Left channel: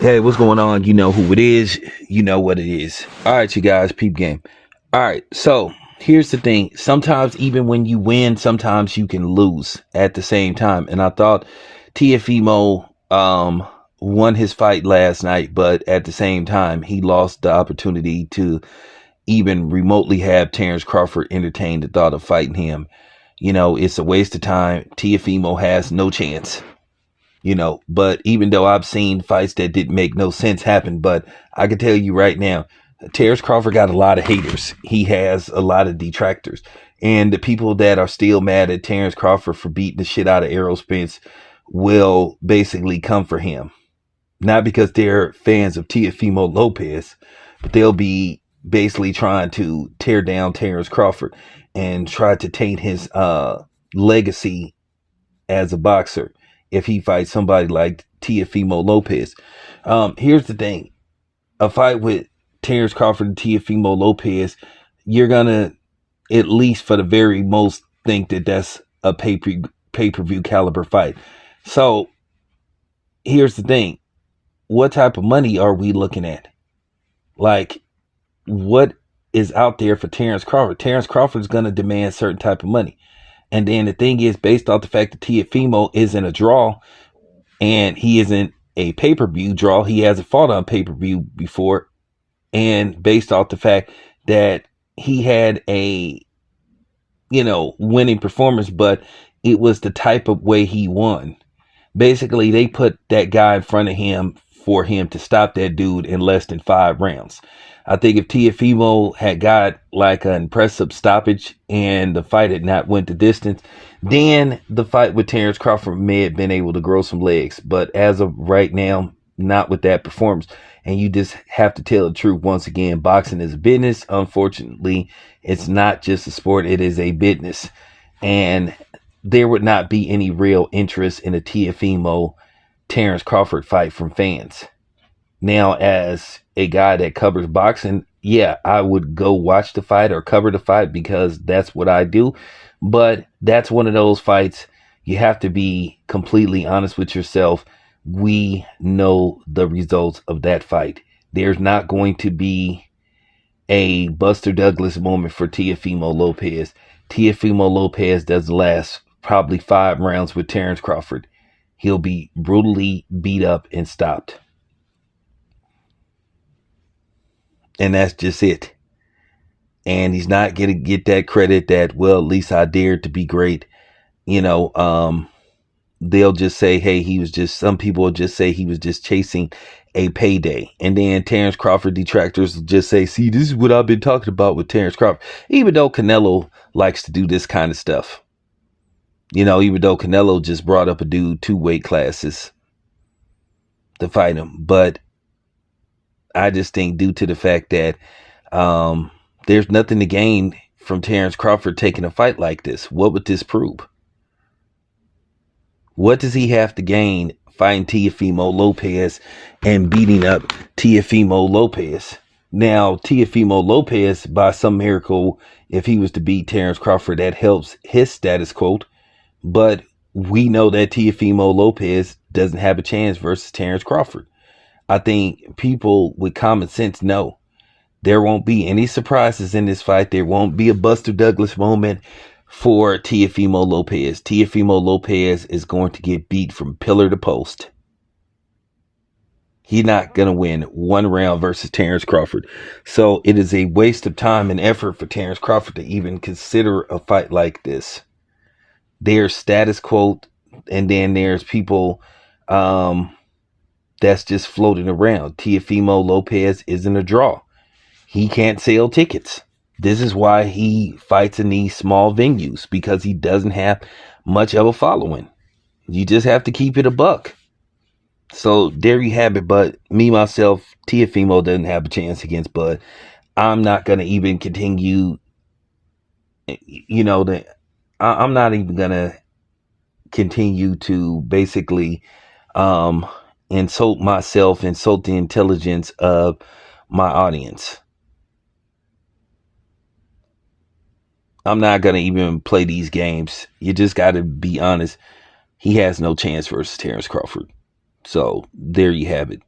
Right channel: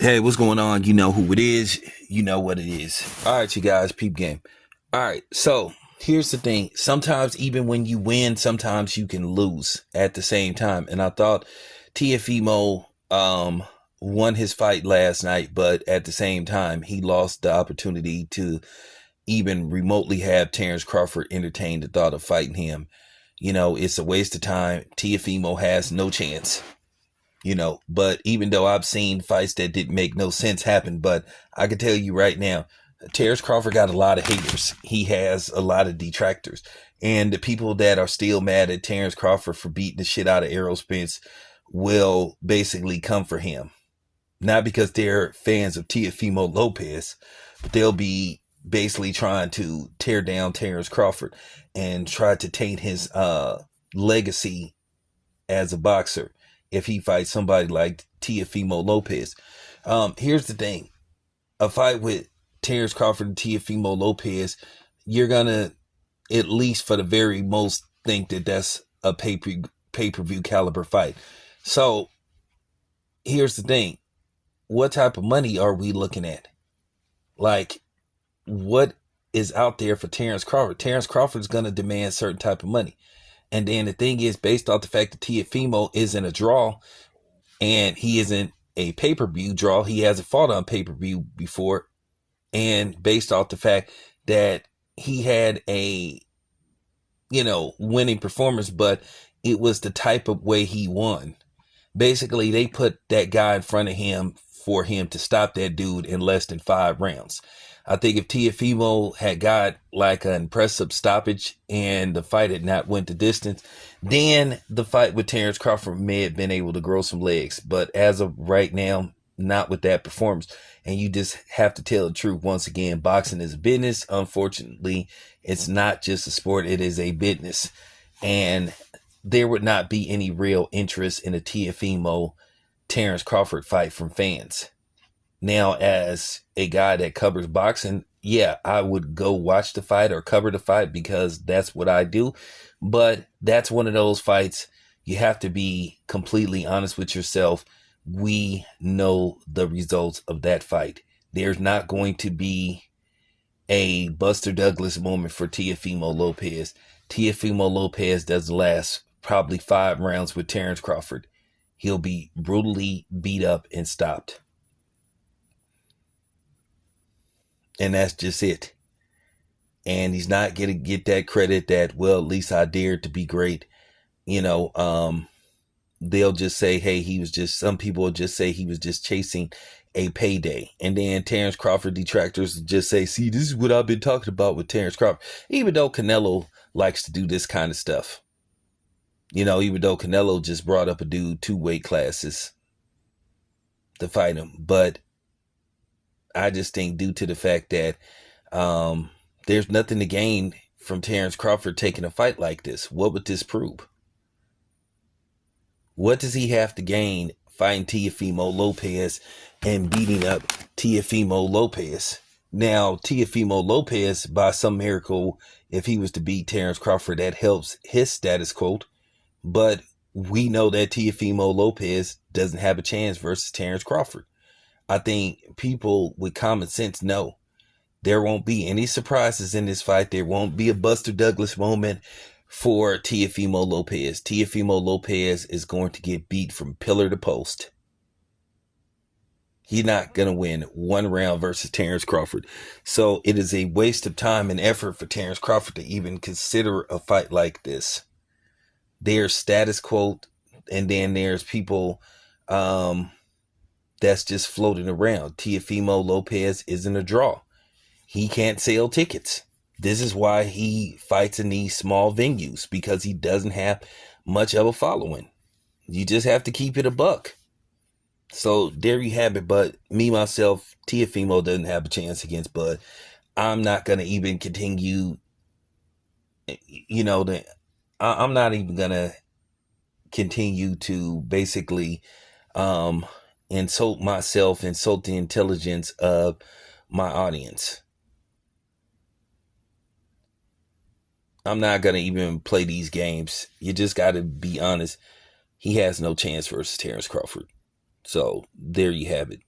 Hey, what's going on? You know who it is. You know what it is. All right, you guys, peep game. All right, so here's the thing. Sometimes even when you win, sometimes you can lose at the same time. And I thought TFEMO won his fight last night, but at the same time, he lost the opportunity to even remotely have Terrence Crawford entertain the thought of fighting him. You know, it's a waste of time. TFEMO has no chance. But even though I've seen fights that didn't make no sense happen, but I can tell you right now, Terrence Crawford got a lot of haters. He has a lot of detractors. And the people that are still mad at Terrence Crawford for beating the shit out of Errol Spence will basically come for him. Not because they're fans of Teofimo Lopez, but they'll be basically trying to tear down Terrence Crawford and try to taint his legacy as a boxer if he fights somebody like Teofimo Lopez. Here's the thing. A fight with Terrence Crawford and Teofimo Lopez, you're going to, at least for the very most, think that that's a pay-per-view caliber fight. So, here's the thing. What type of money are we looking at? Like, what is out there for Terrence Crawford? Terrence Crawford is going to demand certain type of money. And then the thing is, based off the fact that Teofimo isn't a draw and he isn't a pay-per-view draw, he hasn't fought on pay-per-view before. And based off the fact that he had a, winning performance, but it was the type of way he won. Basically, they put that guy in front of him for him to stop that dude in less than 5 rounds. I think if Teofimo had got like an impressive stoppage and the fight had not went the distance, then the fight with Terrence Crawford may have been able to grow some legs. But as of right now, not with that performance. And you just have to tell the truth once again. Boxing is a business. Unfortunately, it's not just a sport. It is a business. And there would not be any real interest in a Teofimo Terrence Crawford fight from fans. Now, as a guy that covers boxing, yeah, I would go watch the fight or cover the fight because that's what I do. But that's one of those fights you have to be completely honest with yourself. We know the results of that fight. There's not going to be a Buster Douglas moment for Teofimo Lopez. Teofimo Lopez doesn't last probably 5 rounds with Terrence Crawford. He'll be brutally beat up and stopped. And that's just it. And he's not going to get that credit that, well, at least I dared to be great. They'll just say, hey, some people will just say he was just chasing a payday. And then Terrence Crawford detractors will just say, see, this is what I've been talking about with Terrence Crawford. Even though Canelo likes to do this kind of stuff. Even though Canelo just brought up a dude 2 weight classes to fight him. But I just think due to the fact that there's nothing to gain from Terrence Crawford taking a fight like this. What would this prove? What does he have to gain fighting Teofimo Lopez and beating up Teofimo Lopez? Now, Teofimo Lopez, by some miracle, if he was to beat Terrence Crawford, that helps his status quo. But we know that Teofimo Lopez doesn't have a chance versus Terrence Crawford. I think people with common sense know there won't be any surprises in this fight. There won't be a Buster Douglas moment for Teofimo Lopez. Teofimo Lopez is going to get beat from pillar to post. He's not going to win 1 round versus Terrence Crawford. So it is a waste of time and effort for Terrence Crawford to even consider a fight like this. There's status quo, and then there's people that's just floating around. Teofimo Lopez isn't a draw. He can't sell tickets. This is why he fights in these small venues, because he doesn't have much of a following. You just have to keep it a buck. So there you have it. But me, myself, Teofimo doesn't have a chance against Bud. I'm not going to even continue, I'm not even going to continue to basically insult myself, insult the intelligence of my audience. I'm not going to even play these games. You just got to be honest. He has no chance versus Terrence Crawford. So there you have it.